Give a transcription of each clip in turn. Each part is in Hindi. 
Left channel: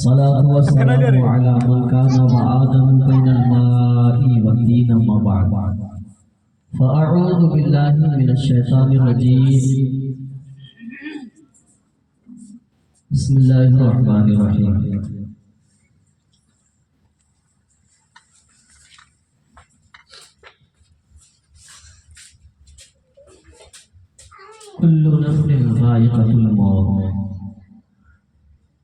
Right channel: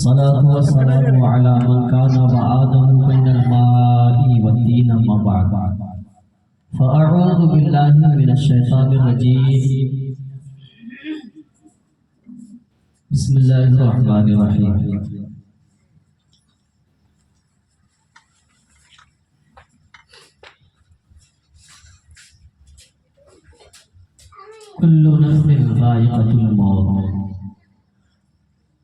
सलातु वस्सलामु अला मन काना व आदमु बैनल माई व तीन अम्मा बाद फ़अऊज़ु बिल्लाहि मिनश शैतानिर रजीम बिस्मिल्लाहिर रहमानिर रहीम। कुल्लु नफ्सिन ज़ाइक़तुल मौत।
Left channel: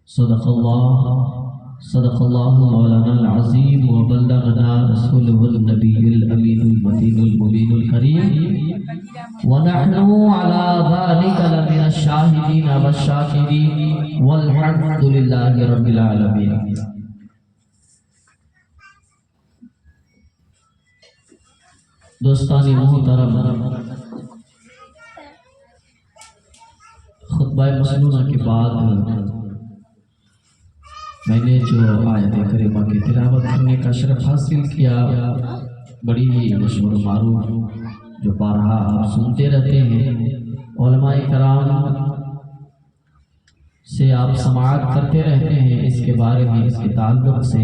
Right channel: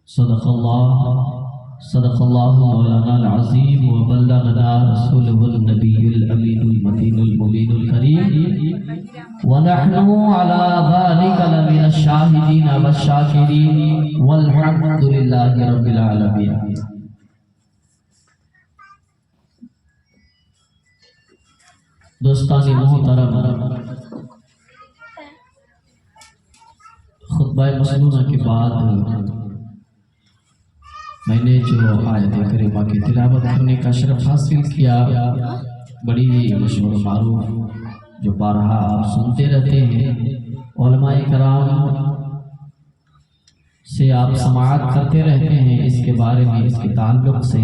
सदक़ल्लाहु मौलाना अज़ीम व बल्लगना रसूलुहुन नबियुल अमीनुल मतीनुल मुबीनुल करीम व नहनु अला ज़ालिका लमिनश शाहिदीन वश्शाकिरीन वल्हम्दुलिल्लाहि रब्बिल आलमीन। दोस्तानी मोहतरम, खुतबा मसनूना के बाद मैंने जो आयत करीमा की तिलावत करने का शरफ हासिल किया, बड़ी मशहूर मारूफ जो बारहा आप सुनते रहते हैं, उलमाए कराम से आप समाअत करते रहते हैं इसके बारे में, इसके ताल्लुक से।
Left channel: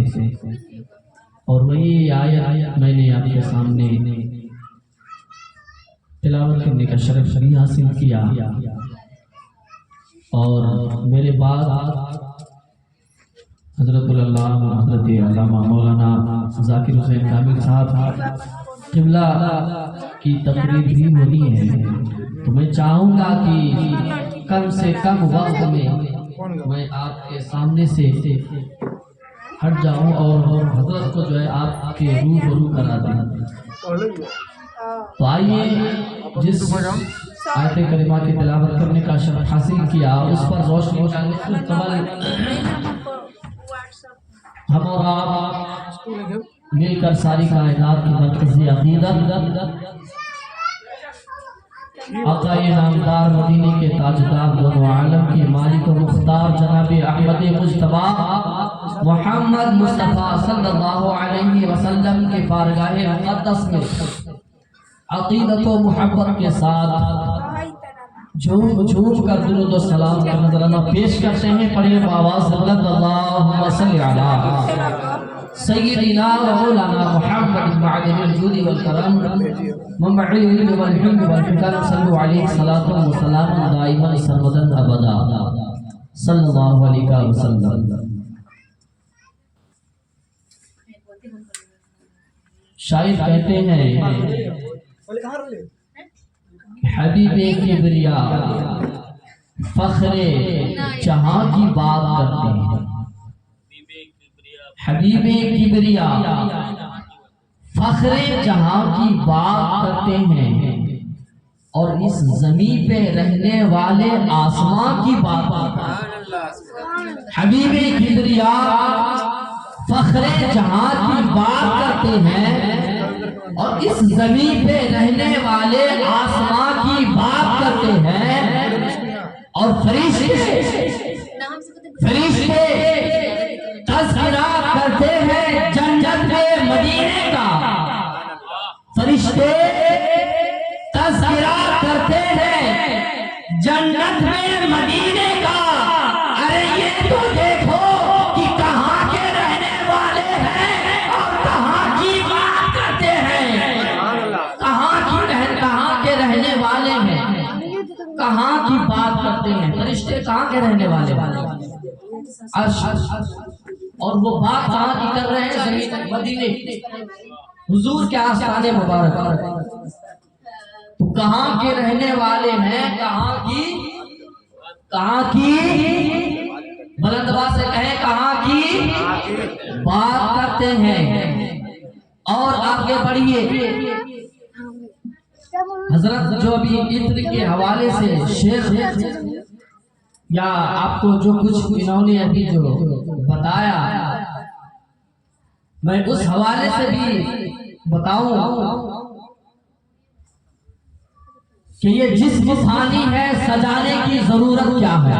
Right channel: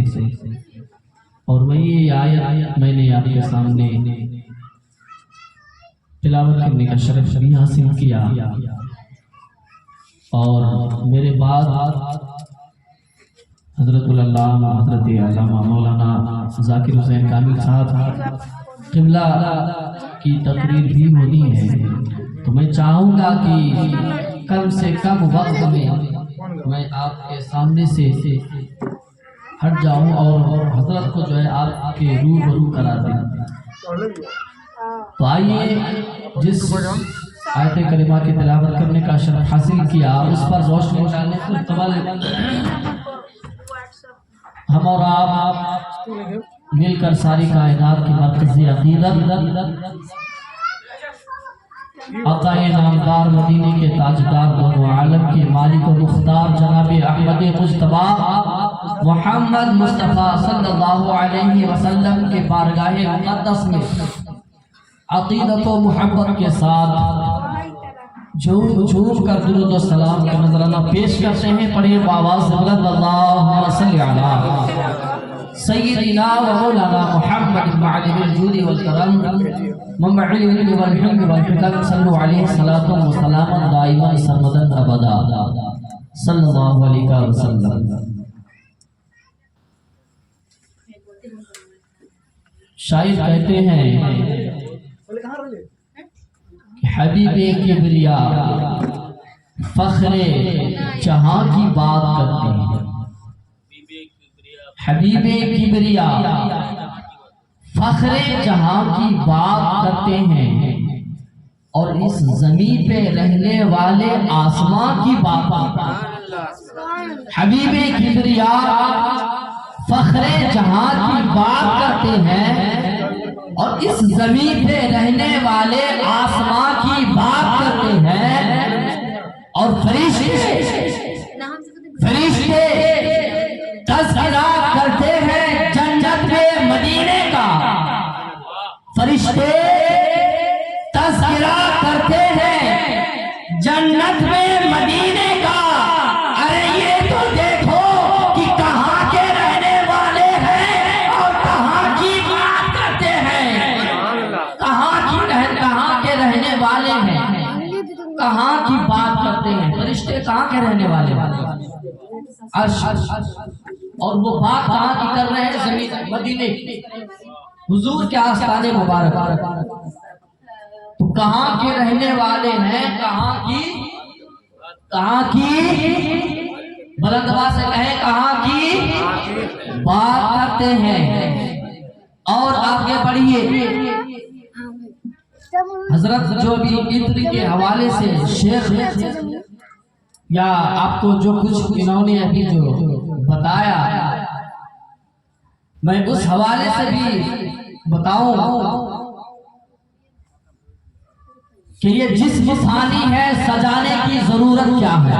और वही आयत मैंने आपके सामने तिलावत करने का शरफ भी हासिल किया। और मेरे बाद हज़रतुल अल्लामा हज़रत अल्लामा मौलाना ज़ाकिर हुसैन कामिल साहब क़िबला की तकरीर भी होनी है, तो मैं चाहूँगा कि कम से कम वक्त में मैं आपके सामने से हट जाऊँ और हज़रत को जो है आपके रूबरू करा दें। तो आइए, जिस आयत करीमा की तिलावत करने का शरफ हासिल किया उस पर रोशनी डालने से कमल हम और आप मिलकर सारी कायनात की मरकज़ी अक़ीदत आक़ाए नामदार मदीने के ताजदार दोनों आलम के मालिक और मुख्तार जनाब अहमद मुज्तबा मोहम्मद मुस्तफ़ा सल्लल्लाहु अलैहि वसल्लम के बारगाह मुक़द्दस में अक़ीदत व मुहब्बत के साथ झूम झूम कर दुरूद व सलाम का नजराना पेश करते हैं। पढ़िए आवाज़ बुलंद, अल्लाहुम्मा सल्लि अला सय्यिदिना व मौलाना मुहम्मद मअलिल जूद वल करम ममअल इल्म वल हिल्म वल फिकर सल्लु अलैहि सलातु व सलाम दाइमन सरमदन अबदा सल्लल्लाहु अलैहि वसल्लम। शायद कहते हैं हबीबे किबरिया फख्रे जहां की बात करते हैं। हबीबे किबरिया फख्रे जहां की बात करते हैं और इस जमीन पे रहने वाले आसमां की बात करते हैं। हबीबे किबरिया फख्रे जहां की बात करते हैं और इस जमीन पे रहने वाले आसमां की बात करते हैं। और फरिश्ते तज़किरा करते हैं जन्नत में मदीने का। फरिश्ते तज़किरा करते हैं जन्नत में मदीने का। अरे ये तो देखो कि कहाँ के रहने वाले हैं और कहाँ की बात करते हैं। कहाँ के रहने वाले हैं, कहाँ की बात करते हैं। फरिश्ते कहाँ के रहने वाले अर्श, और वो बात कहाँ की कर रहे हैं, जमीन मदीने हुजूर के आस्ताने मुबारक। तो कहाँ के रहने वाले हैं, कहाँ की बुलंद आवाज़ से कहें, कहाँ की बात करते हैं। और आगे बढ़िए, हजरत जो भी इत्र के हवाले से शेख या आपको जो कुछ इन्होंने अभी जो बताया, मैं उस हवाले से भी बताऊं कि ये जिस्म फानी है, सजाने की जरूरत क्या है।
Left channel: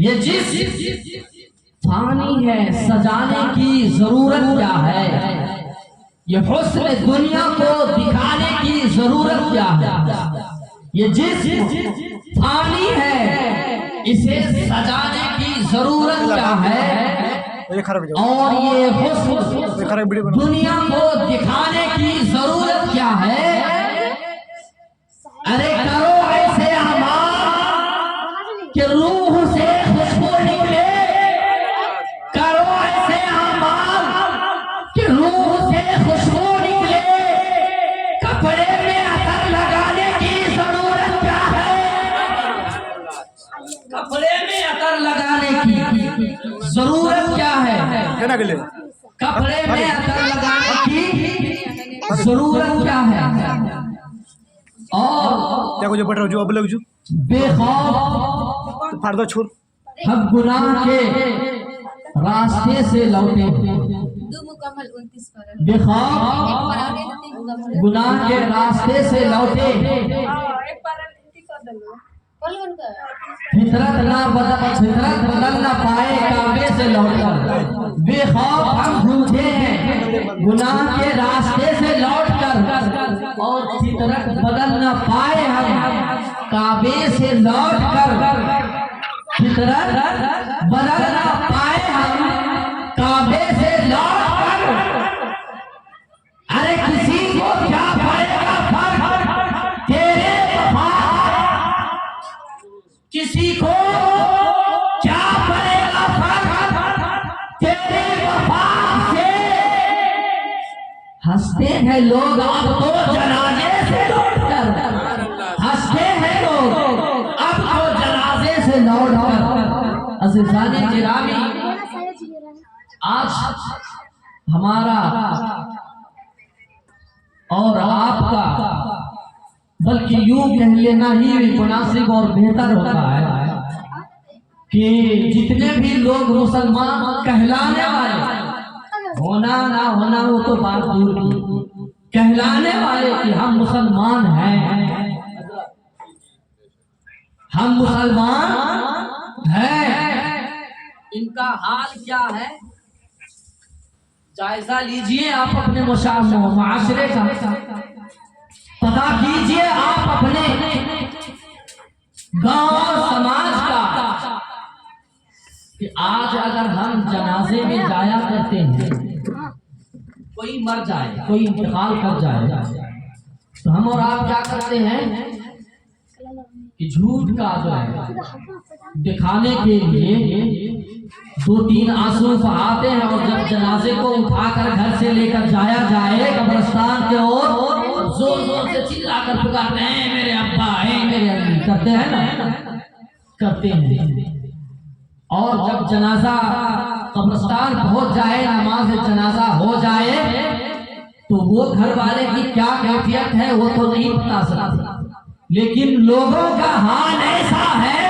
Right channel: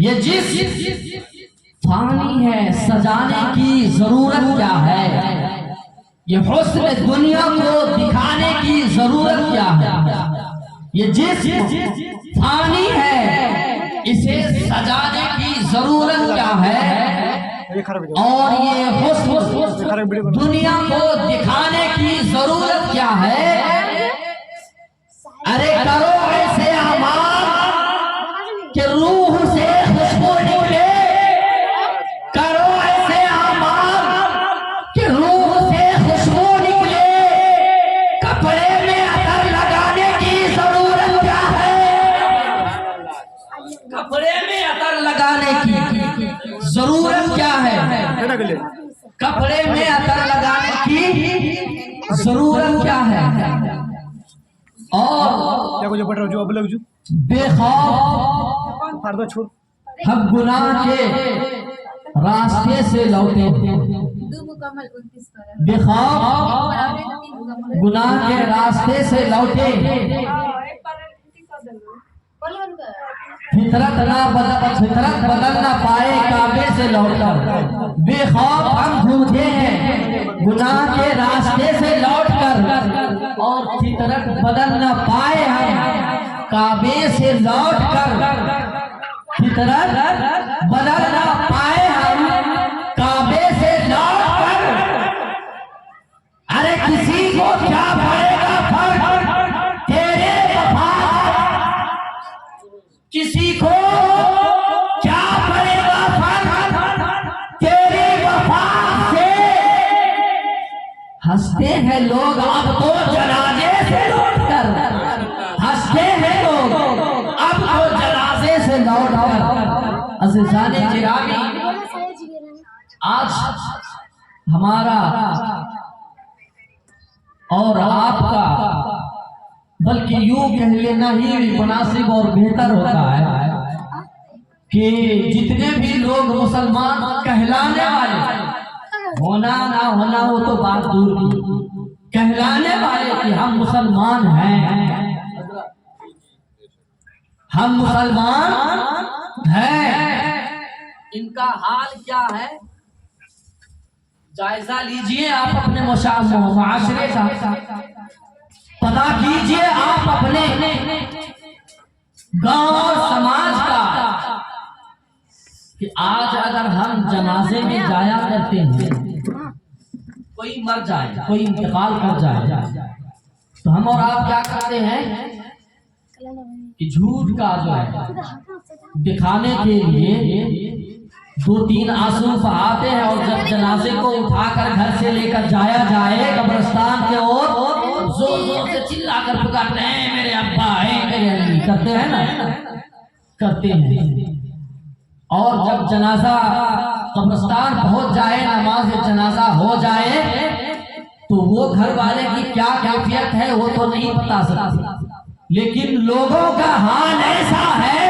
ये जिस्म फानी है, सजाने की जरूरत क्या है। ये हुस्न दुनिया को दिखाने की जरूरत क्या है। ये जिस्म फानी है, इसे सजाने की जरूरत क्या है, और ये हुस्न दुनिया को दिखाने की जरूरत क्या है। अरे करो ऐसे अमाल कि रूह से खुशबू निकले, करो ऐसे अमाल कि रूह से खुशबू निकले। कपड़े में अतर लगाने की जरूरत क्या है, कपड़े में अतर लगाने की जरूरत क्या है, कपड़े में अतर लगाने की जरूरत क्या है। और क्या कुछ पढ़ रहा जो अब लग जो बेखौफ फाड़ दो छोड़ हम गुनाह के रास्ते से लौटे, बेखौफ गुनाह के रास्ते से लौटे, फितरत बदल ना पाए काबे से लौटकर। बेखौफ हम झूठे हैं गुनाह के रास्ते से लौटकर, और फितरत बदल ना पाए हम काबे से लौटकर। फितरत बदल ना पाए हम काबे से लौटकर। अरे किसी को क्या पड़ेगा फर्क तेरे वफा, किसी को क्या पड़ेगा फर्क तेरे वफा से। हंसते हैं लोग अब तो जनाजे से लौटकर, हंसते हैं लोग अब तो जनाजे से लौटकर। अज़ीज़ाने गिरामी, आज हमारा और आपका, बल्कि यूं कह लेना ही मुनासिब और बेहतर होता है कि जितने भी लोग मुसलमान कहलाने वाले, होना ना होना वो तो बात दूर की, कहलाने वाले कि हम मुसलमान हैं, हम मुसलमान हैं, इनका हाल क्या है जायजा लीजिए आप अपने मुआशरे का, पता कीजिए आप अपने गांव और समाज का कि आज अगर हम जनाजे में जाया करते हैं, कोई मर जाए, कोई इंतकाल कर जाए, तो हम और आप क्या करते हैं कि झूठ का जो है दिखाने के लिए 2-3 आंसू बहाते हैं, और जब जनाजे को उठाकर घर से लेकर जाया जाए कब्रिस्तान के ओर, जोर जोर से चिल्लाकर पुकारते हैं मेरे अब्बा है मेरे अम्मी, करते हैं ना, करते हैं। और जब जनाजा कब्रिस्तान पहुंच जाए, नमाज जनाजा हो जाए, तो वो घर वाले की क्या कैफियत है वो तो नहीं बता सकते, लेकिन लोगों का हाल ऐसा है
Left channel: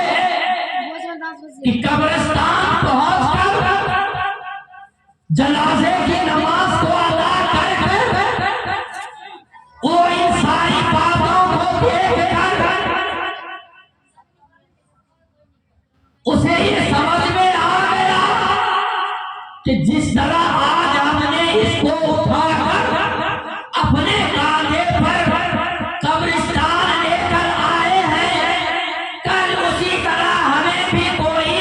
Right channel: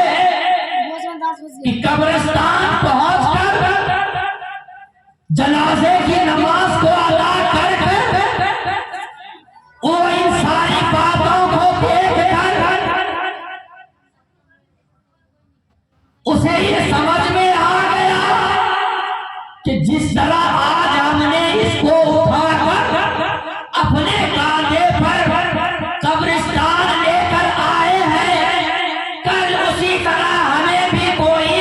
कि कब्रिस्तान पहुंचकर जनाजे की नमाज को अदा कर वो इन सारी बातों को देखकर उसे ये समझ में आ गया कि जिस तरह आज हमने इसको उठाकर अपने कांधे पर कब्रिस्तान लेकर आए हैं, कल उसी तरह हमें भी कोई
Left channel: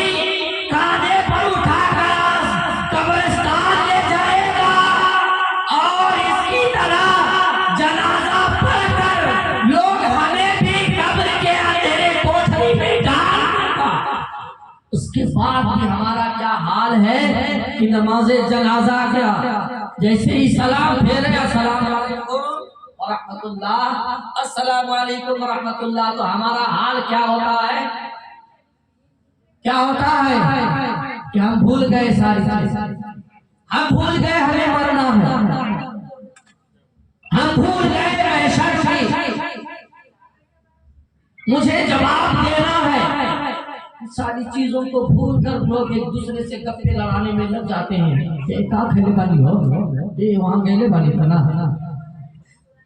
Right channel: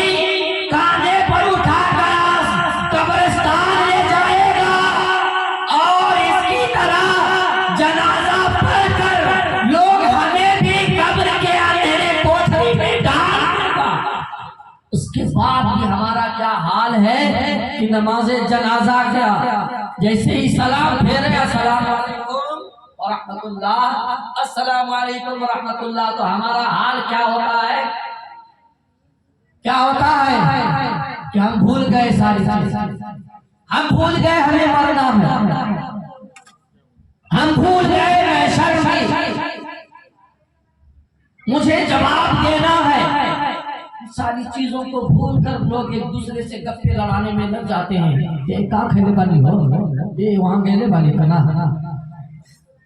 कांधे पर उठाकर कब्रिस्तान ले जाएगा, और इसकी तरह जनाजा पढ़कर लोग हमें भी कब्र के अंधेरे कोठरी में डाल देगा। उसके बाद भी हमारा क्या हाल है कि नमाज़े जनाजा क्या, जैसे ही सलाम फेरे अस्सलाम वालेकुम व रहमतुल्लाह, अस्सलाम वालेकुम व रहमतुल्लाह, तो हमारा हाल क्या होता है, क्या होता है कि हम भूल गए सारी चीजें, हम भूल गए हमें मरना है, हम भूल गए महशर की मुझे जवाब देना है। सारी चीजों को भूल कर लोग एक दूसरे से गप्पे लड़ाने में लग जाते हैं। ये का खेले वाली हो, ये वहां खेले वाली बना,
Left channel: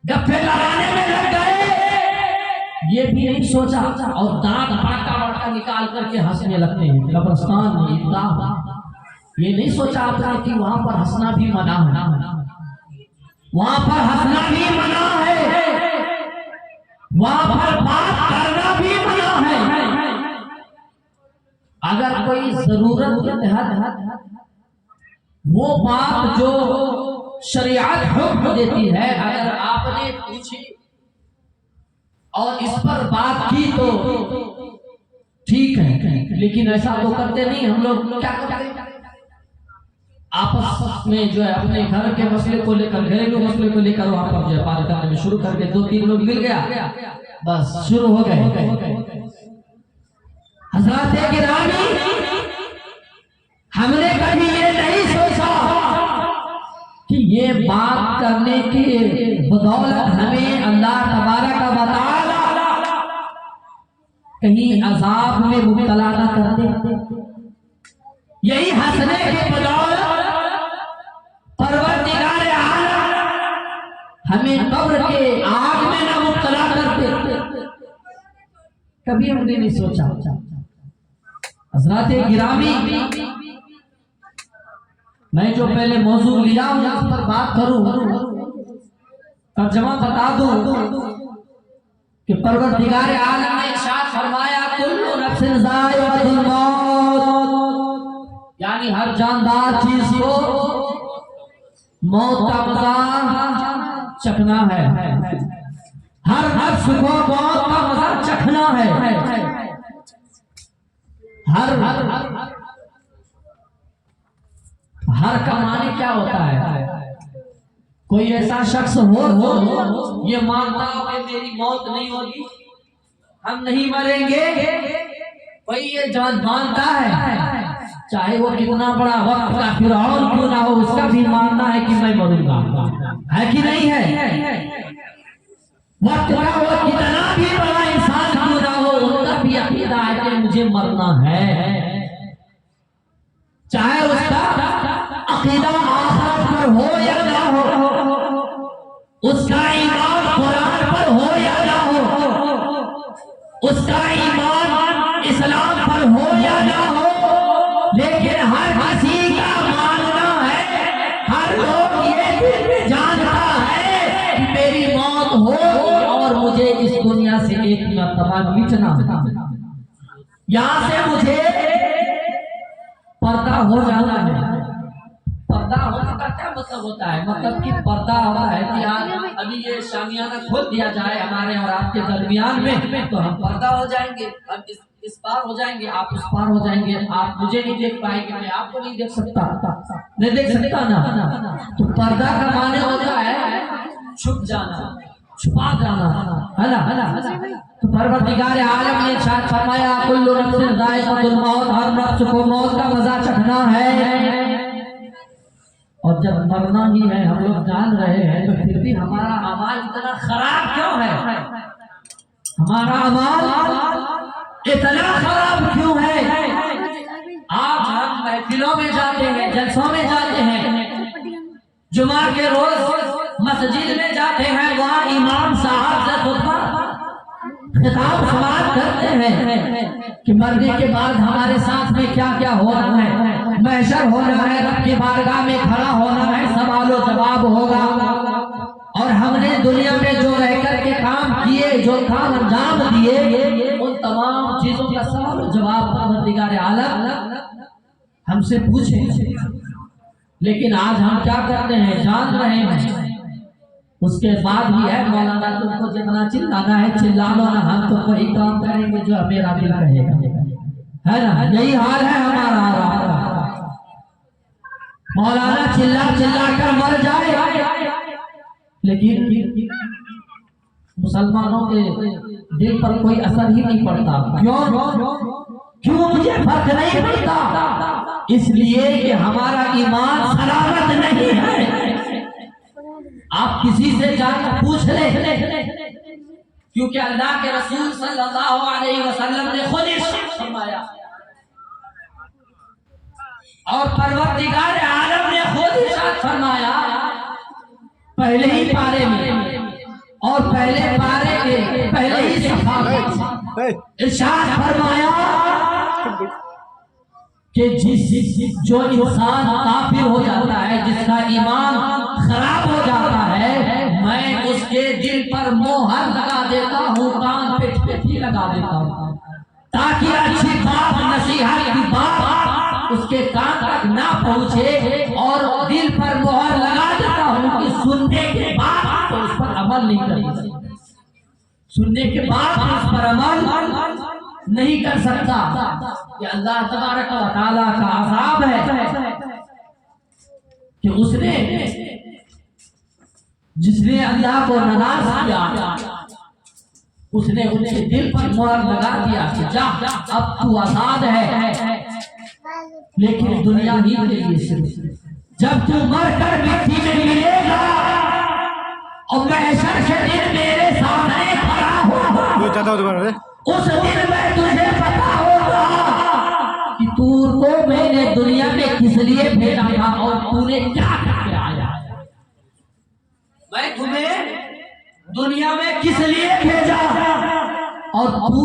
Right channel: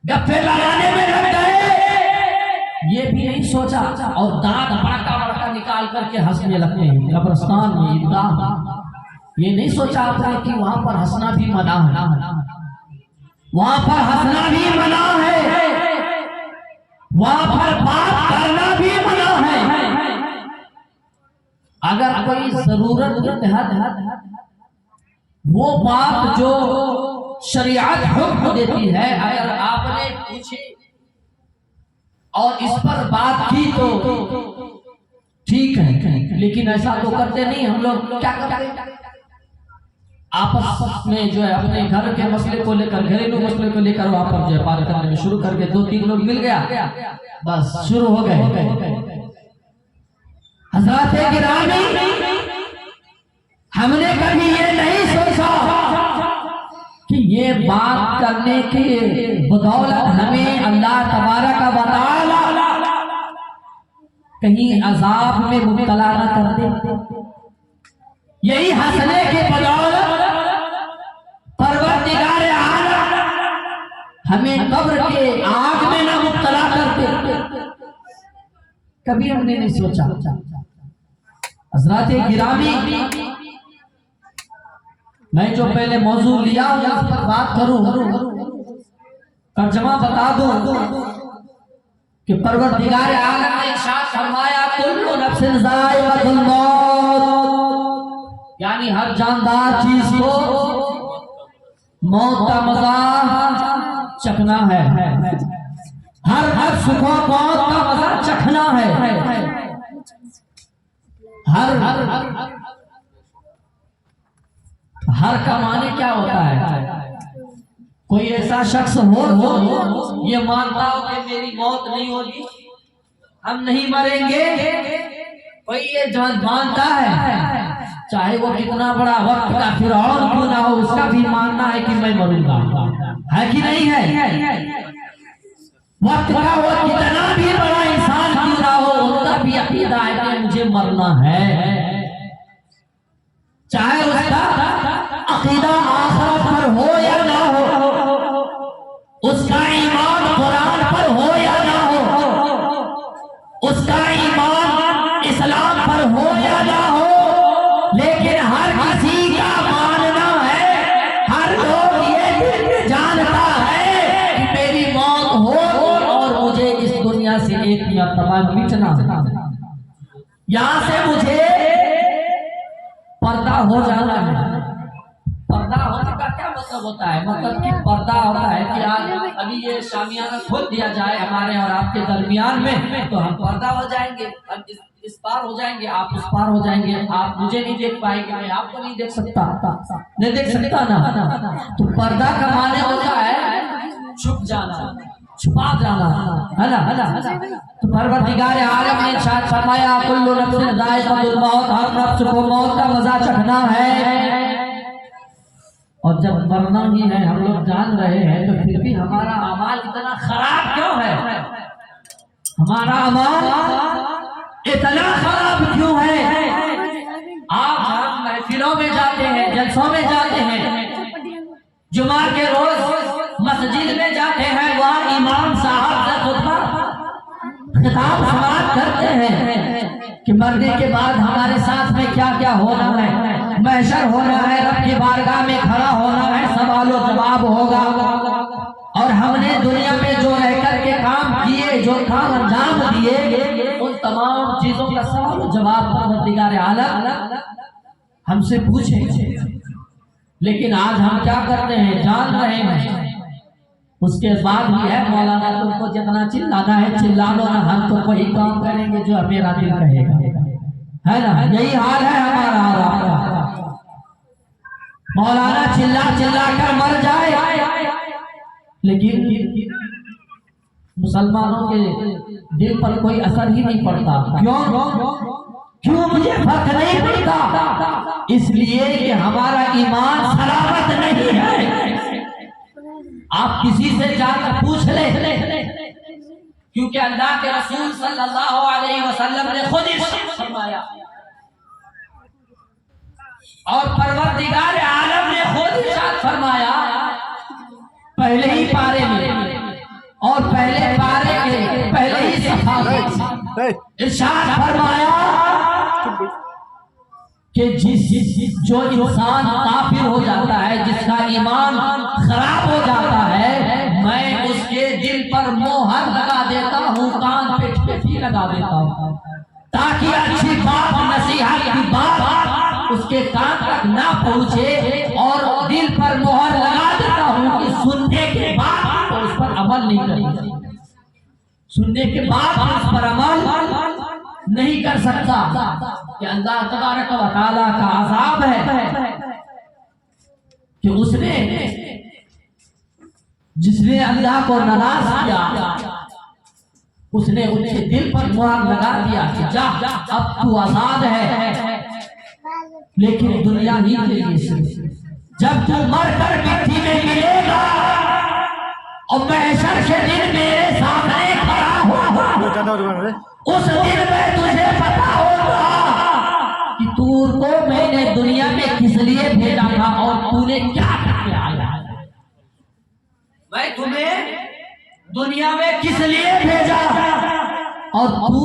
गप्पे लड़ाने में लग गए, ये भी नहीं सोचा, और दांत बाटा निकाल करके हंसने लगते हैं कब्रिस्तान में, ईदगाह। ये नहीं सोचा आपने कि वहां पर हंसना भी मना है, वहां पर हंसना भी मना है, वहां पर बात करना भी मना है। अगर कोई जरूरत के तहत वो बात जो शरीयत हुक्म देती है अगर आपने पूछी और इस पर बात की तो ठीक है, लेकिन ऐसा तो करते नहीं हम लोग। क्या करते हैं आपस में जो है अपने घर के मसले को लेकर, घरेलू मसले को लेकर वहां पर जो है बात करने में शुरू करके 2-3 लोग मिल गया, बस शुरू हो गए। हज़रात गिरामी, हमने कभी ये नहीं सोचा कि ये बात करने के बदौलत हमें अल्लाह तबारक व तआला कहीं अजाब में मुब्तला न कर दे। यही हंसने के बदौलत परवरदिगार आलम हमें कब्र के आग में न मुब्तला कर दे। कभी हमने नहीं सोचा। हज़रात गिरामी, मैं जो पहले मौजू लिया हूं उस पर बात करूं, तर्जुमा बता दूं कि परवरदिगार आलम ने इरशाद फरमाया कुल्लु नफ्सिन ज़ाइक़तुल मौत, यानी हर जानदार चीज को मौत का मजा चखना है। हर नफ्स को मौत का मजा चखना है। हर का माने क्या होता है? कोई ऐसा शख्स हो ये मानता हो कि मेरी मौत नहीं होगी, हम नहीं मरेंगे, कोई ये जान मानता है, चाहे वो कितना बड़ा वक्त का फिरौन क्यों ना हो, उसका भी मानना है कि मैं मरूंगा, है कि नहीं है? वक्त का वो कितना भी बड़ा इंसान क्यों ना हो, उनका भी अकीदा है कि मुझे मरना है। चाहे उसका अकीदा आखिरत पर हो या ना हो, उसका ईमान कुरान पर हो या ना हो, उसका ईमान इस्लाम पर हो या ना हो, लेकिन हर किसी का मानना है, हर लोग ये जानता है कि मेरी मौत हो और मुझे इस दुनिया से एक मरतबा मिटना, यहां से मुझे पर्दा हो जाना है। पर्दा होने का क्या मतलब होता है? मतलब कि पर्दा होता है कि आज अभी ये शामियाना खोल दिया जाए हमारे और आपके दरमियान में, तो हम पर्दा हो जाएंगे, हम इस पार हो जाएंगे, आप उस पार हो जाएंगे, आप मुझे नहीं देख पाएंगे, मैं आपको नहीं देख सकता, नहीं देख सकता ना। तो पर्दा का माने होता है छुप जाना, छुपा जाना, है ना। तो परवरदिगार आलम ने इरशाद फरमाया कुल्लु नफ्सिन ज़ाइक़तुल मौत, हर नफ्स को मौत का मजा चखना है। और जब मरना ही है, हम लोग जान रहे हैं, तो फिर भी हमारा अमाल इतना खराब क्यों है? हमारा अमाल इतना खराब क्यों है? आज हम महफिलों में जाते हैं, जलसों में जाते हैं, जुमा के रोज मस्जिद में जाते हैं, वहाँ इमाम साहब से खुतबा खिताब समाप्त करते हैं कि मरने के बाद हमारे साथ में क्या क्या हो रहा है, महशर होना है, रब की बारगाह में खड़ा होना है, सवाल और जवाब होगा, और हमने दुनिया में जो रह कर के काम किए, जो काम अंजाम दिए, उन तमाम चीजों का सवाल और जवाब परवरदिगार आलम हमसे पूछे। लेकिन आज हम क्या करते हैं? जान रहे हैं, उसके बाद भी है मौलाना तुमको जितना चिल्लाना है चिल्ला लो ना, हम तो वही काम करेंगे जो मेरा दिल कहेगा, है ना। यही हाल है हमारा। मौलाना चिल्ला चिल्ला कर मर जाए, लेकिन मुसलमानों के दिल पर कोई असर ही नहीं पड़ता। क्यों मुझे फर्क नहीं पड़ता? इसलिए कि हमारा ईमान सलामत नहीं है। आप किसी से जाकर पूछ ले, क्योंकि अल्लाह के रसूल सल्लल्लाहु अलैहि वसल्लम ने खुद इरशाद फरमाया और परवरदिगार आलम ने खुद इरशाद फरमाया पहले ही पारे में, और पहले पारे के पहले ही सफा में इरशाद फरमाया कि जो इंसान काफिर हो जाता है, जिसका ईमान खराब हो जाता है, मैं उसके दिल पर मोहर लगा देता हूँ, कान पे ताकि अच्छी बात नसीहत की बात उसके कान तक ना पहुंचे और दिल पर मोहर लगा देता हूं कि सुनने के बाद तो उस पर अमल नहीं करेगा, सुनने के बाद तो उस पर अमल नहीं कर सकता। कि अल्लाह तबारक व तआला का अज़ाब है कि उसने जिसने अल्लाह को नाराज किया उसने उसके दिल पर मुहर लगा दिया कि जा अब तू आजाद है, लेकिन दुनिया ही मिलेगी सिर्फ जब तू मर कर मिट्टी में गिरेगा और महशर के दिन मेरे सामने खड़ा होगा, उस दिन में तुझे पता होगा कि तुझको मैंने दुनिया में किस लिए भेजा था और तूने क्या करके आया। मैं तुम्हें दुनिया में किस लिए भेजा और तू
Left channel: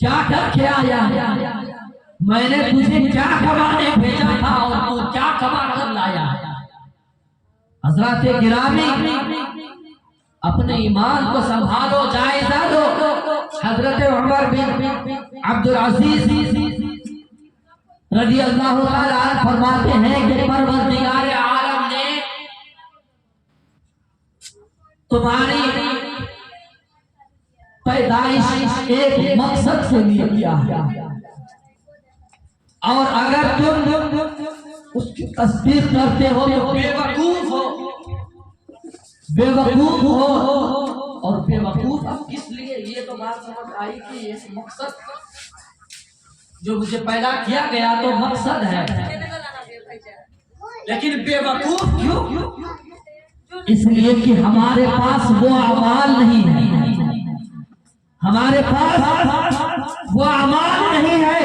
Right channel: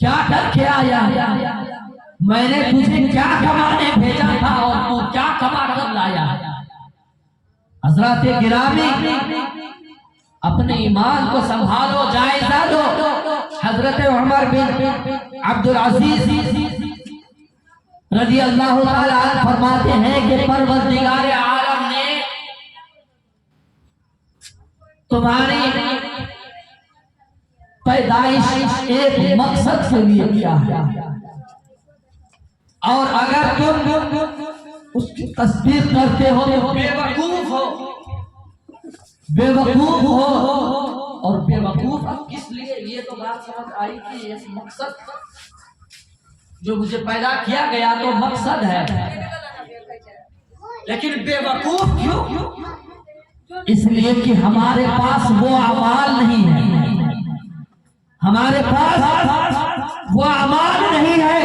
क्या करके आया, मैंने तुझे क्या कमाने भेजा था और तू क्या कमा कर लाया। हजरत गिरामी अपने ईमान को संभालो, जायजा लो। हजरत उमर बिन अब्दुल अजीज रजी अल्लाह ताला अन्हु फरमाते हैं कि परवरदिगार आलम ने तुम्हारी पैदाइश एक मकसद से लिए किया है और अगर तुम उसकी तस्दीक करते हो तो बेवकूफ हो और बेवकूफ अब किस लिए, ये तो बात समझ आई कि ये मकसद जो मुझे पैदा किया गया तो मकसद है, लेकिन बेवकूफ क्यों? इसलिए कि हमारे पास वो अमाल नहीं है, हमारे पास वो अमाल नहीं है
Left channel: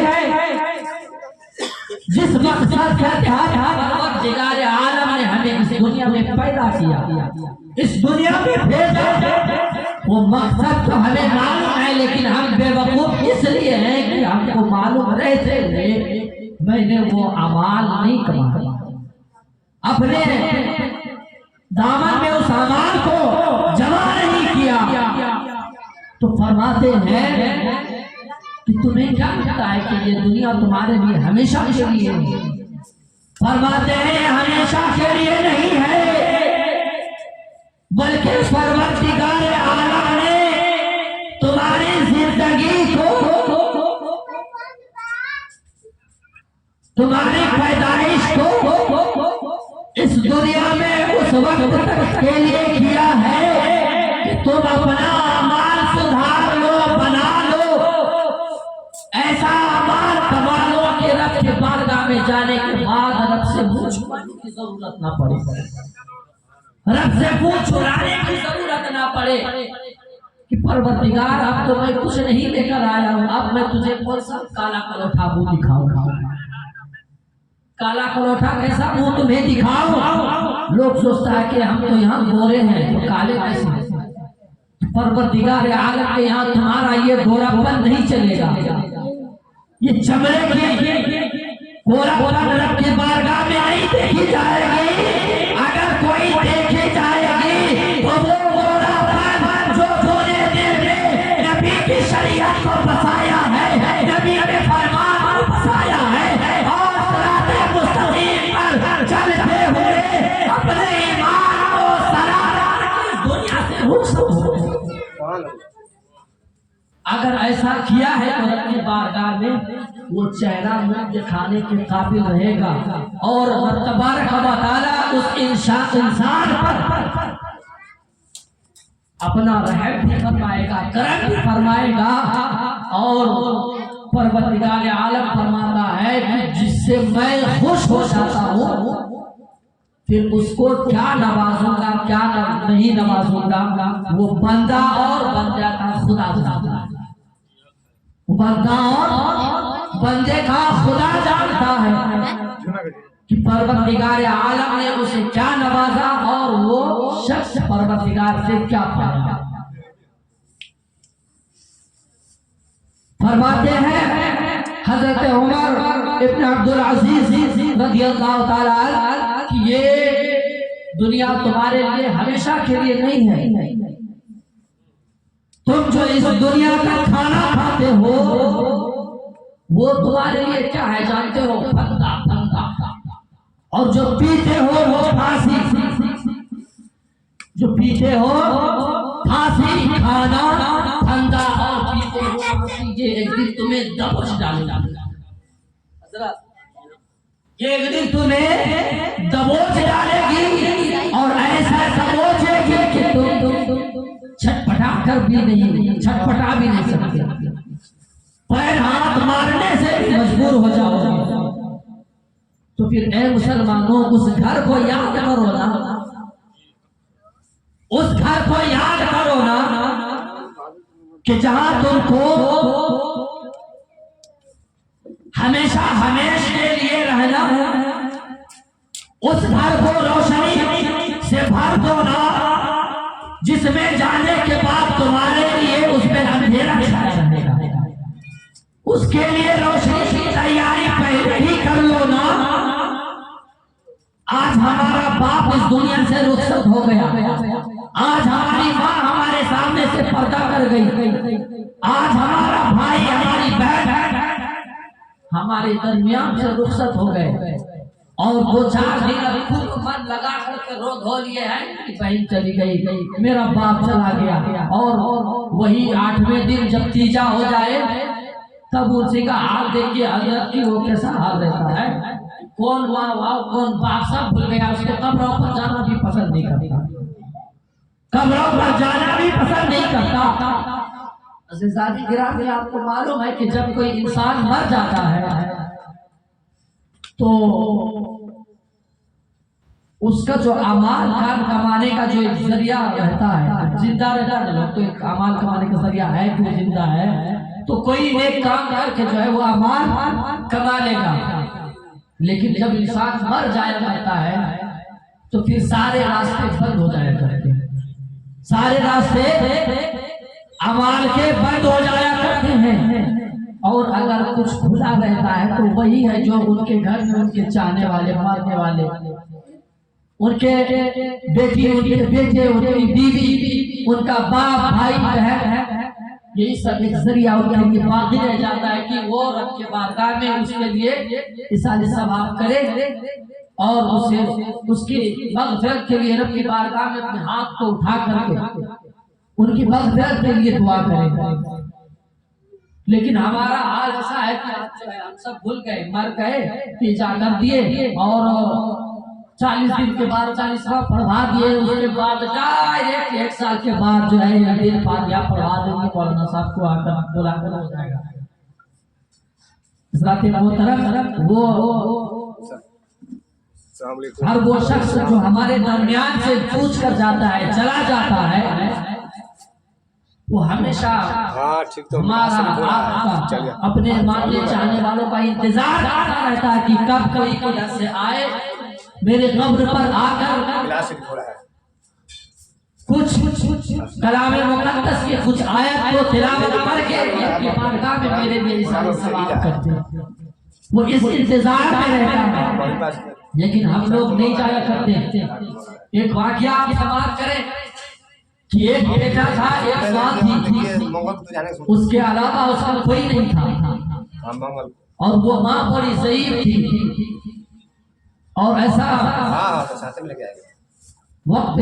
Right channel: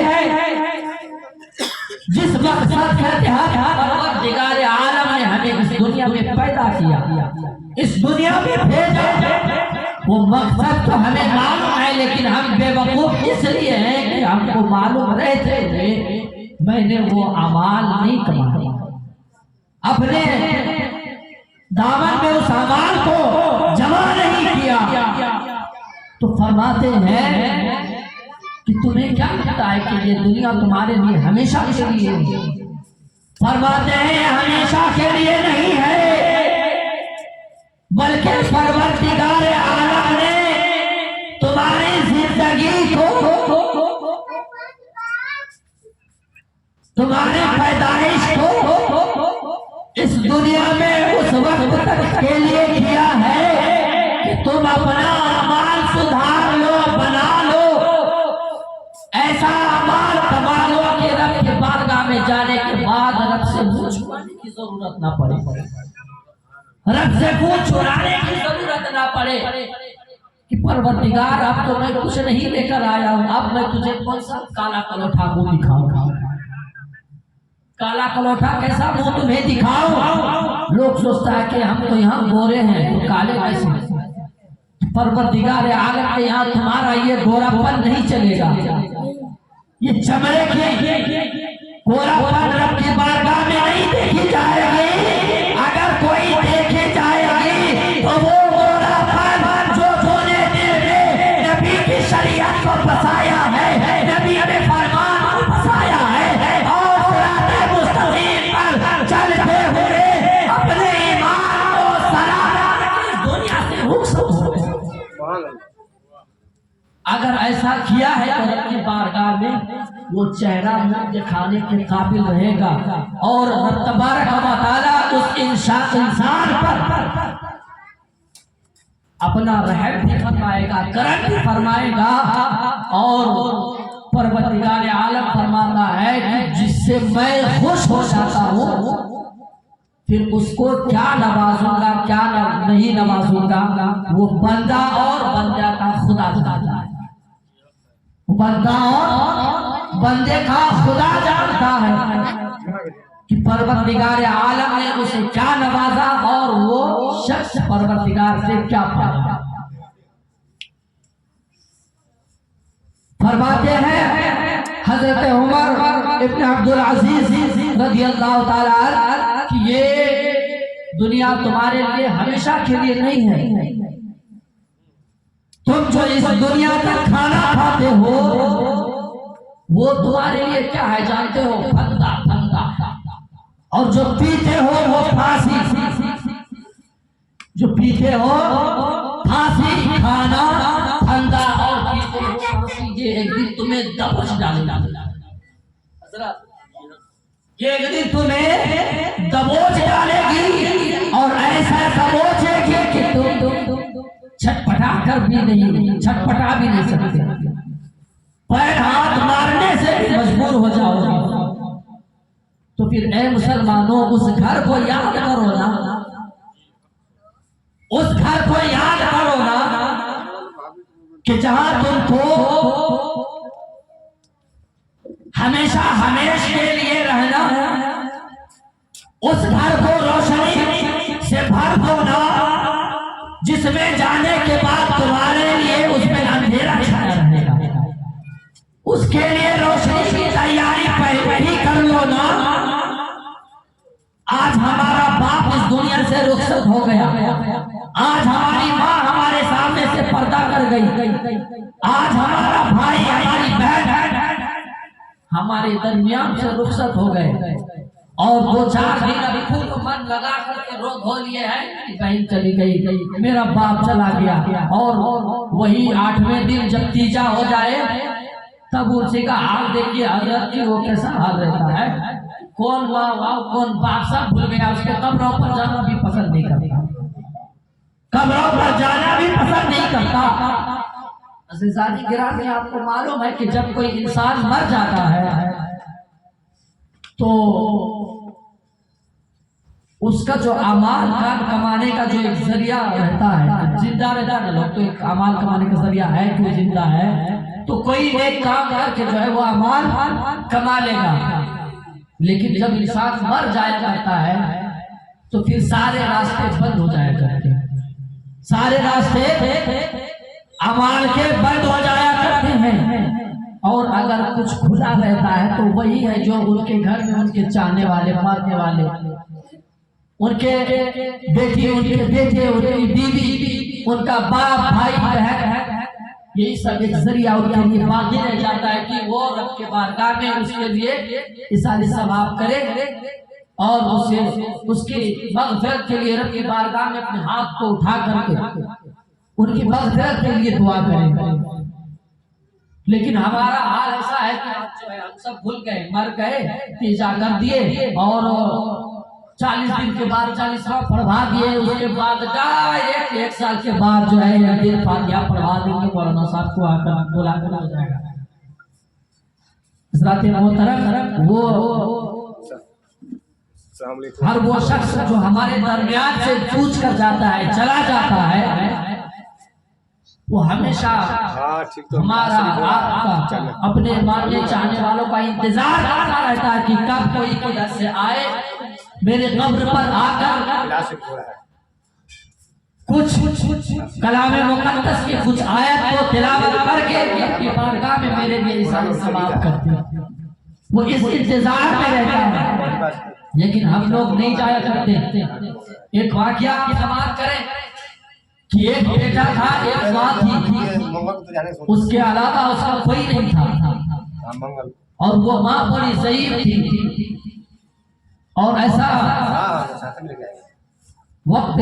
जिस मकसद के तहत परवरदिगार आलम ने हमें इस दुनिया में पैदा किया, इस दुनिया में भेजा। वो मकसद तो हमें मालूम है, लेकिन हम बेवकूफ इसलिए हैं कि हमको मालूम रहते हुए मैंने वो अमाल नहीं किया, अपने दामन में उस अमाल को जमा नहीं किया। तो फरमाते हैं कि तुम्हें क्या लगता है कि ये दुनिया तुम्हारे लिए हमेशा के लिए है? फरमाते हैं हमेशा के लिए नहीं है, बल्कि परवरदिगार आला ने तुम्हारी जिंदगी को, तुम्हारी पैदाइश को इस दुनिया में उस वक्त तक के लिए किया है कि तुम अपना अमाल सुधार लो, बना लो, ऐसा अमाल कमा लो कि रब के बारगाह में जाने के बाद रब से मुंह छुपाने की जरूरत ना पड़े, रब से मुंह चुराने की जरूरत ना पड़े कि परवरदिगार अब तो मैं कुछ नहीं लेकर आया हूं, अब मैं तुझे कौन सा काला कलोठा मुंह दिखाऊंगा। काला कलोठा कैसा मुंह तुम्हें दिखाऊं? लोग सोचता है कि हम तो यहाँ गोरे हैं तो काले कैसे। परवरदिगार आलम के यहाँ तुम्हारा ये गोरापन नहीं चलेगा, ये चमड़े के गोरापन रब के बारगाह में नहीं देखी जाएगी। अगर कोई देखी जाएगी तो वो गोरापन जो तूने दिल में नबी की शरीयत को बसाया है, नबी ने फरमान को बसाया है और सिराते मुस्तकीम पर चलते हुए अपने ईमान को सराहना की दुनिया से रुखसत हो। अगर ऐसा किया है तो रब की बारगाह में वो चेहरा मुंह दिखाने के काबिल रहेगा और रब तबारक व तआला उस इंसान पर अपना रहम भी फरमाएगा, करम भी फरमाएगा। और परवरदिगार आलम फरमाता है कि जिससे मैं खुश हो जाता हूँ फिर उसको क्या नवाजूंगा क्या नहीं नवाजूंगा, वो बंदा और बंदा का खुदा जानता है, बंदा और बंदे का खुदा जानता है कि परवरदिगार आलम ने उसे क्या नवाजा और वो शख्स परवरदिगार से क्या पाया। फरमाते हैं हजरत उमर इब्न अब्दुल अजीज रज़ियल्लाहु ताला अन्हु कि ये दुनिया तुम्हारे लिए हमेशा के लिए नहीं है, तुम जो इस दुनिया का खाना खाते हो वो तुम्हारे लिए क्या है जानते हो? फंदा फंदा। और जो पीते हो वो फांसी। जो पीते हो फांसी, खाना फंदा और पीते हो फांसी। ये एक दिन तुम्हें दबोच डालेगा। ये एक दिन तुम्हें दबोच डालेगी और ऐसा दबोचेगी कि तुम छटपटा कर भी नहीं, छटपटा भी नहीं सकते, पैर हाथ मारने से भी मजबूर हो जाओगे। तो फिर ए मुसलमानों, उस घर को याद करो ना, उस घर को याद करो ना कि जहां तुमको हमेशा हमेश के लिए रहना है। उस घर को रोशनी से भर दो ना, जिसमें जाने के बाद तुम्हारे लिए उसमें अंधेरा छाया रहेगा। उसके लिए रोशनी की तैयारी पहले ही कर लो ना। आज हमारा बाप इस दुनिया से रुखसत हो गया, आज हमारी माँ हमारे सामने से पर्दा कर गई, आज हमारा भाई हमारी बहन हमारे दरमियान से रुखसत हो गए और 2-4 दिन अभी खूब मन लगा करके रो धो लिए हैं कि बहन चली गई, मेरा बाप चला गया। और वही 8वें दिन जब तीजा हो जाए तब उसी का हाल देखिए हजरत की, वो कैसा हाल रहता है। कौन माँ कौन बाप सब भूल गया, उसके कब्रों पर जाना भी पसंद नहीं करता, कब्रों पर जाना भी पसंद नहीं करता। अज़ीज़ानी गिरामी, आपको मालूम है कि जब कोई इंसान मर जाता है तो उसका जो अमाल खान कमाने का जो एक जरिया रहता है, जिंदा रहता है लोग तो एक अमाल कमाने का जरिया है कि जिंदा है तो कोई एक काम करके जो है वो अमाल कमा लेगा। लेकिन जब इंसान मर जाया करता है तो फिर सारे रास्ते बंद हो जाया करते हैं, सारे रास्ते अमाल के बंद हो जाया करते हैं। और अगर कुछ खुला रहता है तो वही है जो उनके घर में उनके चाहने वाले, मारने वाले, उनके बेटी, उनके बेटे, उनकी बीवी, उनका बाप, भाई, बहन, यही सब एक जरिया उनके लिए बाकी रह जाता है कि वो रब के बारगाह में उसके लिए इसाले सवाब करे और उसे उसकी मग़फ़िरत के लिए रब की बारगाह में अपने हाथ को उठा करके उनकी मग़फ़िरत के लिए दुआ करें। लेकिन हमारा हाल ऐसा है कि आज जो है हम सब भूल गए, मर गए, तीजा कर दिए और 40 दिन के बाद 40वां पढ़वा दिए, उसके बाद डायरेक्ट 1 साल के बाद जो है एक दिन फातिहा पढ़वा देंगे, मौलाना साहब को आकर बुला कर हो जाएगा। हज़रात मोहतरम, वो हर वो शख्स जो हमारे दरमियान से पूछ कर जाता है, चला जाता है, वो हमेशा हमारा आपका अपने मानने चाहने वालों का इंतजार करता रहता है कि कब कोई किधर से आए मेरे कब्र पर आकर कुछ कलामे मुक़द्दस की कुछ आयत को तिलावत करके बारगाह में मेरे लिए सवाब करते हैं। वो इस इंतजार में रहता है, लेकिन हम लोग नहीं जाया करते। एक वाक़या आप समाप्त करें कि एक बेटा था, एक माँ थी, उसके अलावा उसका कोई नहीं था और वो माँ बड़ी ज़ईफ़ थी और ऐसा वक्त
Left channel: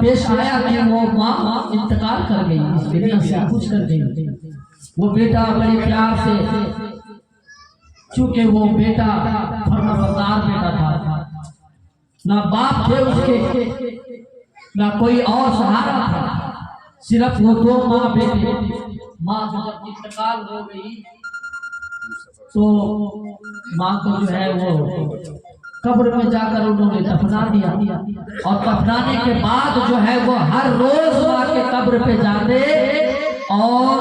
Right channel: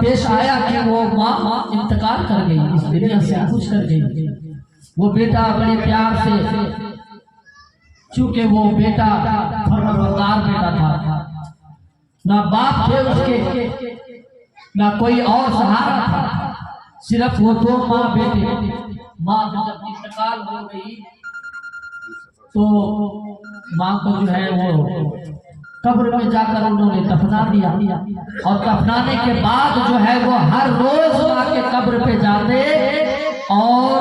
पेश आया कि वो माँ इंतकाल कर गई, इस दुनिया से कुछ कर गई। वो बेटा बड़े प्यार से, चूंकि वो बेटा फर्माबरदार बेटा था, ना बाप थे उसके ना कोई और सहारा था, सिर्फ वो 2 माँ बेटे। माँ जब इंतकाल हो गई तो माँ को जो है वो कब्र में जाकर उन्होंने दफना दिया और दफनाने के बाद जो है वो हर रोज माँ के कब्र पे जाते और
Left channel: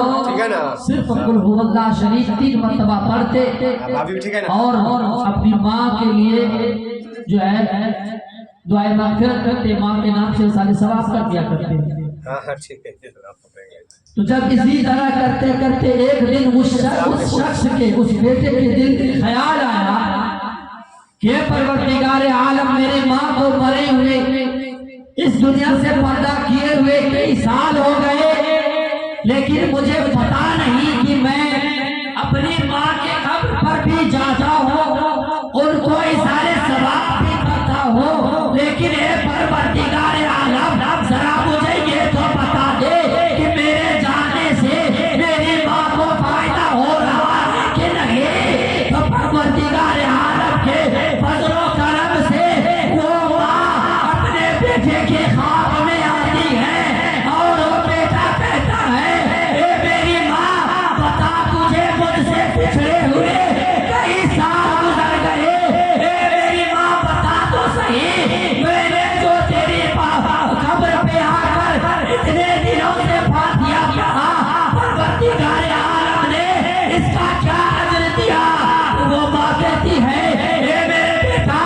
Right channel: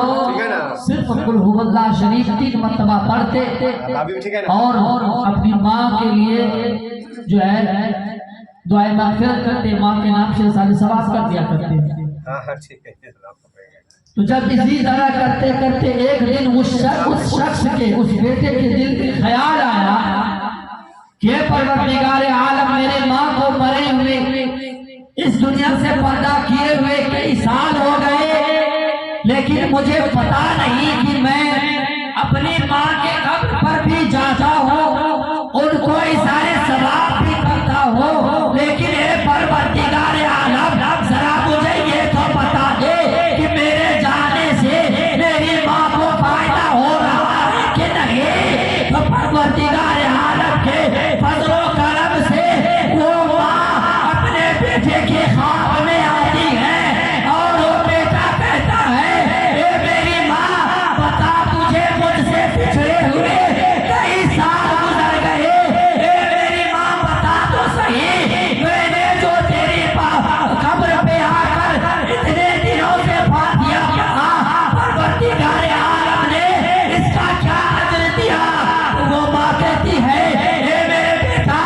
सिर्फ कुल हुवल्लाह शरीफ 3 मरतबा पढ़ते और अपनी माँ के लिए जो है दुआए मग़फ़िरत करते, माँ के नाम से सारे सवाब कर दिया करते। तो जब इसी तरह करते करते एक दिन उस शख्स के, उस बेटे के दिल में ख्याल आया कि परवरदिगारे आलम, मेरे माँ को मरे हुए इस दुनिया से पर्दा किए हुए कई साल हो गए, लेकिन मुझे पता नहीं कि मैं अपनी माँ के कब्र पर भी जाता हूँ, उनको इशारे सवाब भी करता हूँ, लेकिन ए परवरदिगार आलम जरा मुझे ये तो बता दे कि मेरे जाने से मेरी माँ को फायदा हो रहा है कि नहीं। तो परवरदिगार आलम के फजलो करम से वो माँ अपने बेटे के ख्वाब में आती है और वो बेटा कहता है, ए मेरी माँ बता, तुझे मुझसे पिछड़े हुए कई साल गुजर गए, ए मेरी माँ बता तो सही, मैंने जो तेरी कब्र पे आकर इतने दिनों से फातिया कहा, परवरदिगार आलम ने इसका क्या अजर दिया। वो माँ कहती है, ए मेरे बेटा,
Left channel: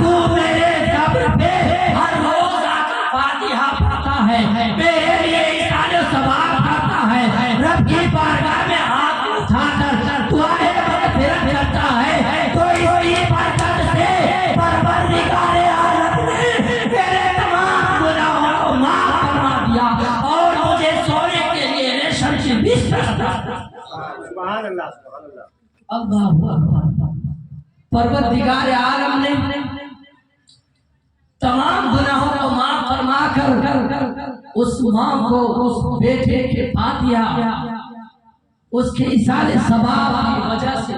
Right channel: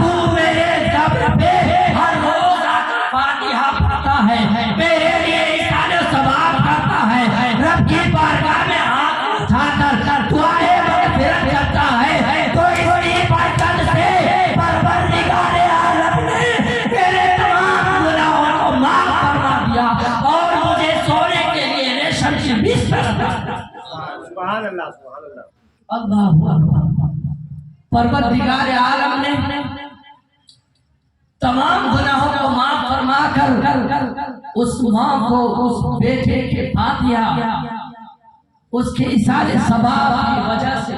तू मेरे कब्र पे हर रोज आकर फातिहा पढ़ता है, मेरे लिए इशारे सवाब करता है, रब की बारगाह में हाथ उठाकर दुआए मग़फ़िरत करता है, तो इसकी बरकत से परवरदिगार आलम ने मेरे तमाम गुनाहों को माफ फरमा दिया और मुझे सोने के लिए रेशम की बिस्तर अता किया। सुभान अल्लाह, सुभान अल्लाह। अल्लाहु अकबर। परवरदिगार आलम ने तमाम गुनाहों को माफ फरमा कर उस माँ को, उस बेटे के फातिहा, उसके इशारे सवाब की वजह से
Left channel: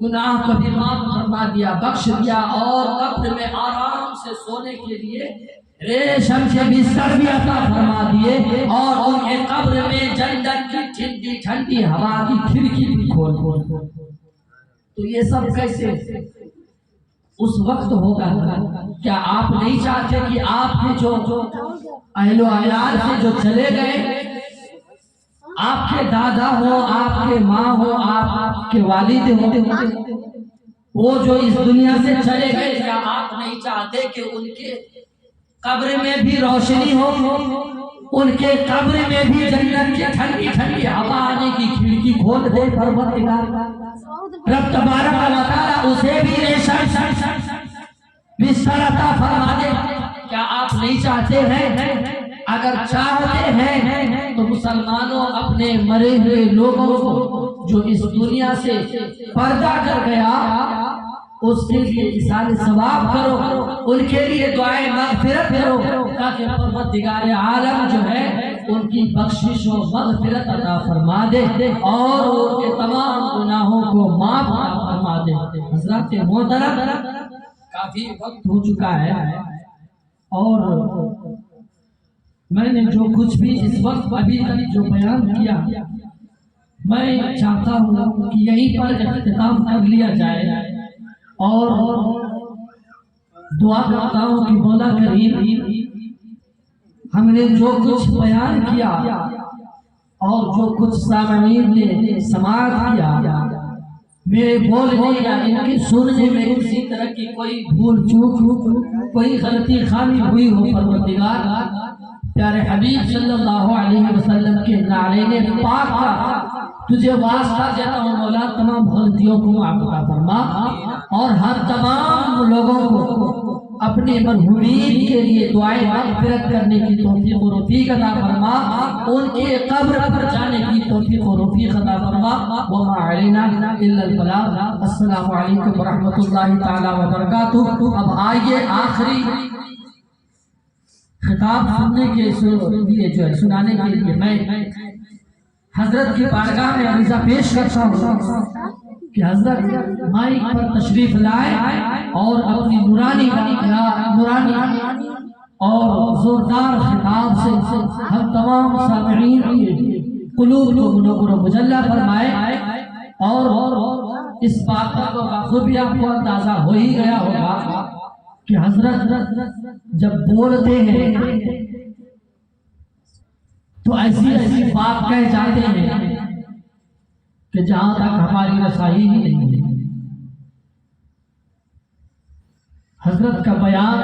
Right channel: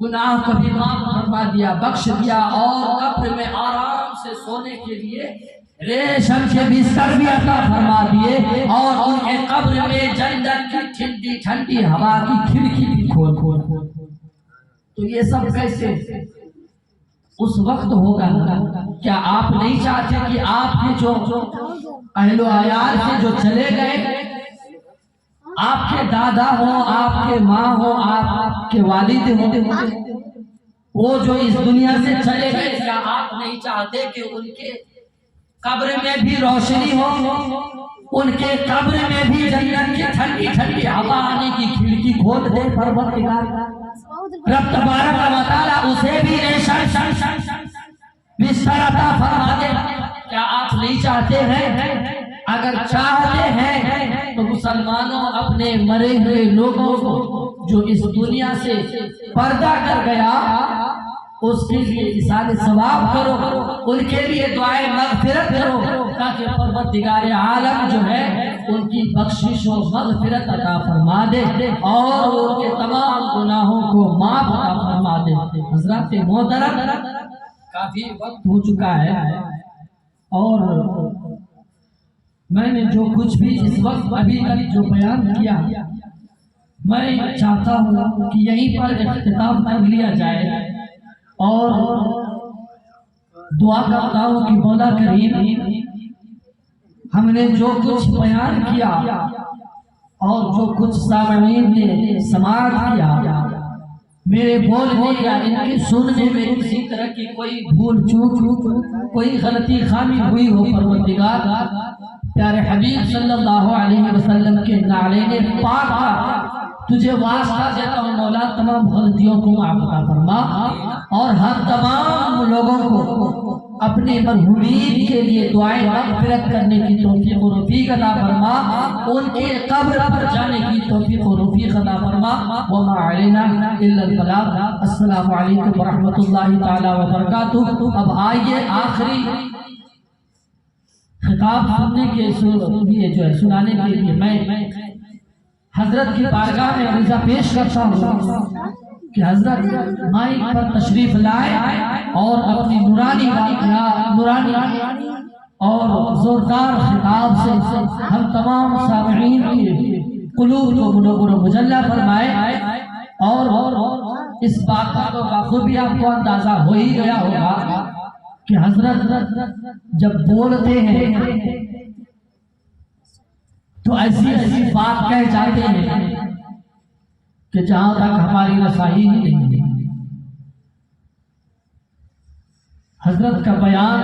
गुनाह को भी माफ फरमा दिया, बख्श दिया और कब्र में आराम से सोने के लिए रेशम के बिस्तर भी अता फरमा दिए और उनके कब्र में जन्नत की ठंडी ठंडी हवा की खिड़की भी खोल। तो ये सब कैसे उस वक्त होगा। क्या आप नहीं चाहते कि आपके जो अहलो अयाल से जो चले गए, आपके दादा हो, आपके माँ हो, आपके वालिद हो, वो जो इस दुनिया से चले गए, क्या आप नहीं चाहते कि उनके कब्र में भी रोशनी हो, उनके कब्र में भी जन्नत की ठंडी ठंडी हवा आने की खिड़की खोल दे परवरदिगार रब तबारक व तआला, उसे भी रेशम बिस्तर अता फरमा दे। क्या आप नहीं चाहते हैं? अगर चाहते हैं तो मुसलमानों, अपने मरे हुए लोगों को जो इस दुनिया से पर्दा कर गया, उसके लिए इशारे सवाब करो, उनके लिए दुआए मग़फ़िरत करो, ताकि परवरदिगार आलम जो है उनकी बख्शिश और मग़फ़िरत अता फरमा दे और उनके तमाम गुनाहों को माफ अता फरमा दे। हज़रात मोहतरम, काफी वक्त हो चुका है और मैंने जो कुछ भी इस वक्त अभी जो बयान किया, मैं चाहता हूँ कि यहीं पर इख्तिताम कर लिया जाए और दुआ करता हूँ कि मौला करीम हमने जो कुछ बयान किया और जो कुछ सामईन ने समाअत किया, मेरे बोलने या इनके सुनने में किसी तरह की कोई भूल चूक, कोई गलती खामी हुई हो, परवरदिगार प्यारे हबीब सल्लल्लाहु अलैहि वसल्लम के नाले पाक का तुझे वास्ता देता हूँ मौला, तमाम गलतियों को माफ फरमा और हर तमाम लोगों को अपने मरहूमीन के लिए दुआएं मग़फ़िरत करने की तौफीक और रफ़ीक अता फरमा, उनके कब्र पर जाने की तौफीक और रफ़ीक अता फरमा। व मा अलैना इल्लल बलाग। अस्सलामु अलैकुम व रहमतुल्लाहि तआला व बरकातुहू। अब आइए आखिरी खिताब सुनने के लिए जो है सुनाने के लिए मैं हजरत की बारगाह में अर्ज़ा पेश करता हूँ कि हजरत माइक पर तशरीफ लाए और अपनी नूरानी और जोरदार खिताब से हम तमाम सामईन के कुलूब को मुनव्वर मुजल्ला फरमाए और इस बात का तो बाखूबी आपको अंदाजा हो ही गया होगा कि हजरत जब बोलते हैं तो ऐसी ऐसी बात कह जाते हैं कि जहां तक हमारी रसाई ही नहीं है। हजरत का बयान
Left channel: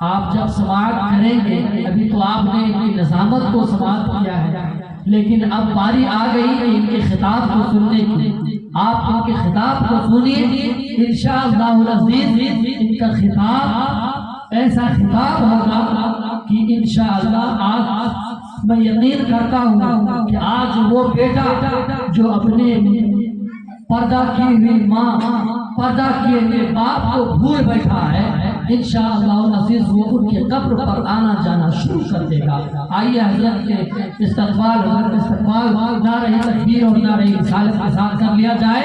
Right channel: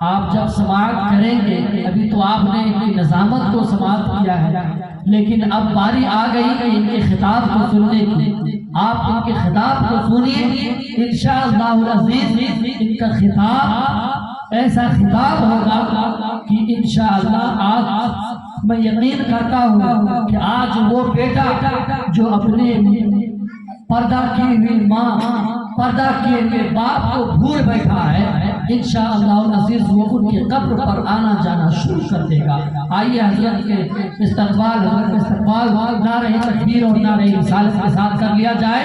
आप जब समाअत करेंगे, अभी तो आपने इनकी नज़ामत को समाअत किया है, लेकिन अब बारी आ गई कि इनके खिताब को सुनने की। आप इनके खिताब को सुनिए, इंशाअल्लाह अज़ीज़ इनका खिताब ऐसा खिताब होगा कि इंशाअल्लाह आप मैं यकीन करता हूँ कि आज वो बेटा जो अपने पर्दा किए हुए माँ, पर्दा किए हुए बाप को भूल बैठा है, इंशाअल्लाह अज़ीज़ वो उनके कब्र पर आना जाना शुरू कर देगा। आइए हज़रत के इस्तक़बाल नारे तकबीर और नारे रिसालत के साथ कर लिया जाए।